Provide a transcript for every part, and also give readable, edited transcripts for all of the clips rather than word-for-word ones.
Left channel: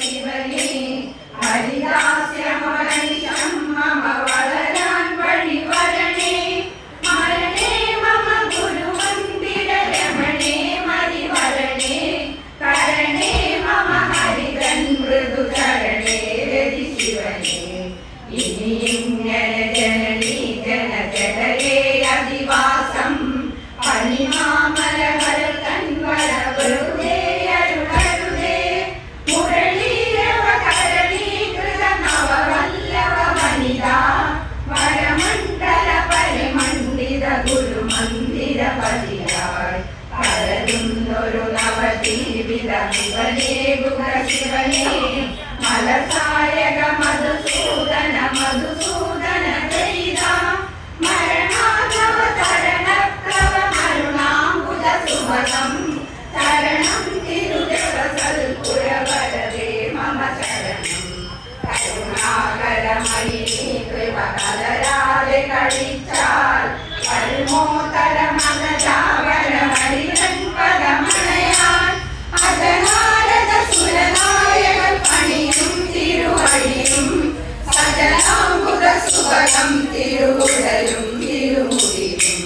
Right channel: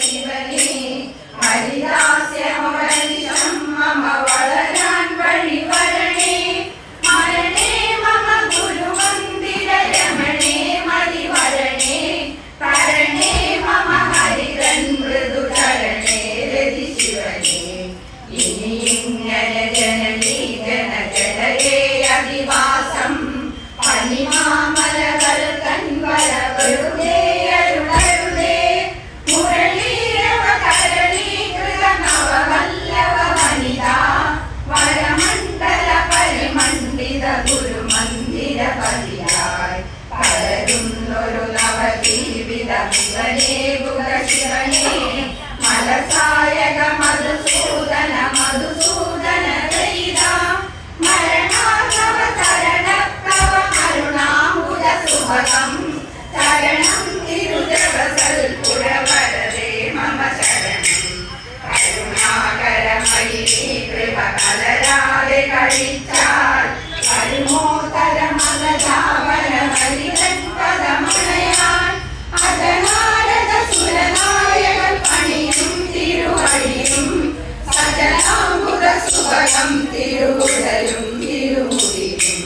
ശിവനേ ഹരിദാസ്യമനിശം മമ വളരാൻ വഴിവരണേ മരണേ മമ ഗുരുമന്ദിര രമണേ മതിവരണേ കരണേ മമ ഹരിതൻ മൃദുചരണേ രതി ശിവനേ ഇനിയിങ്ങനെ ജനനീ ജനജലയേ അധിവാസം പനിമാമലകൾ തൻവര വെറുതെ അരുളരുതേ മുരളീരവ കരളീകൃത നവവല്ലവ വനിതാ വരമണ്ഡല പരിമണ്ഡിത ഗുരുമന്ദിര പതിയായി പരരുന്നൊരു നവജീവിത ശിവനേ ഗുഗ ശിവനേ മലസായക മധുസൂദന മധുസൂദന ദൈത മരണാധവ തരണപ്രവ മരുണാംബുജ സുഭഗം ശരണം തിരുദേവസൽപുരവരദേ മമ ശരണം കരുണാകരമയി കൃപ കലരാതെ കഴിച്ചാൽ വരുമോ തരമലജാവന ഹരിതൻ പദമണയാൻ അജനാരദ സുരനായകൻ പണിയും തിരുവഴിയും സജനാംബുധ സുഭഗം തിരുവുടലും തിരുമുടിയും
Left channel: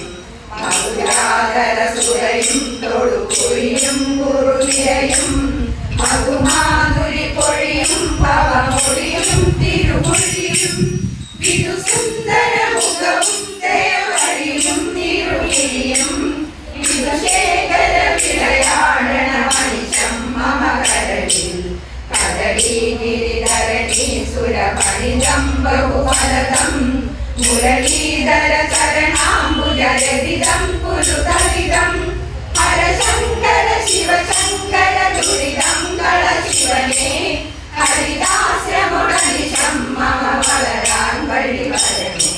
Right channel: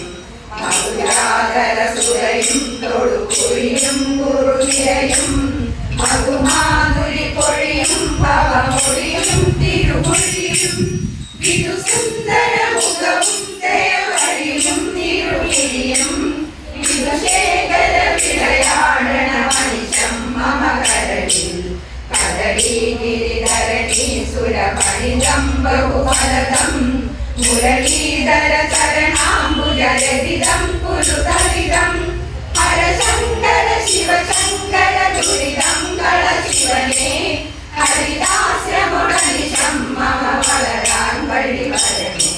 മധുരാധര സുരയും തൊടുകുഴിയും കുറുനിരയും മധുമാധുരി പൊഴിയും പവമൊഴിയും തിരുമൊഴിയും വിരുസുന്ദര മുഖവും ദേവരിയും തിരുമിഴിയും വിധുശേഖര വിരയാഴണ മനിശം മമ കരളിൽ കദളീ ഗിരിധരണീ സുരപണിതം ബഹുഫലദം മുരളീധര ചരണാംബുജലതിതം കുരുതരിതം ഹരശങ്കര ശിവശങ്കര ദുരിതം കള ശിവനേ ഹരിദാസ്യമനിശം മമ വളരാൻ വഴിവരണേ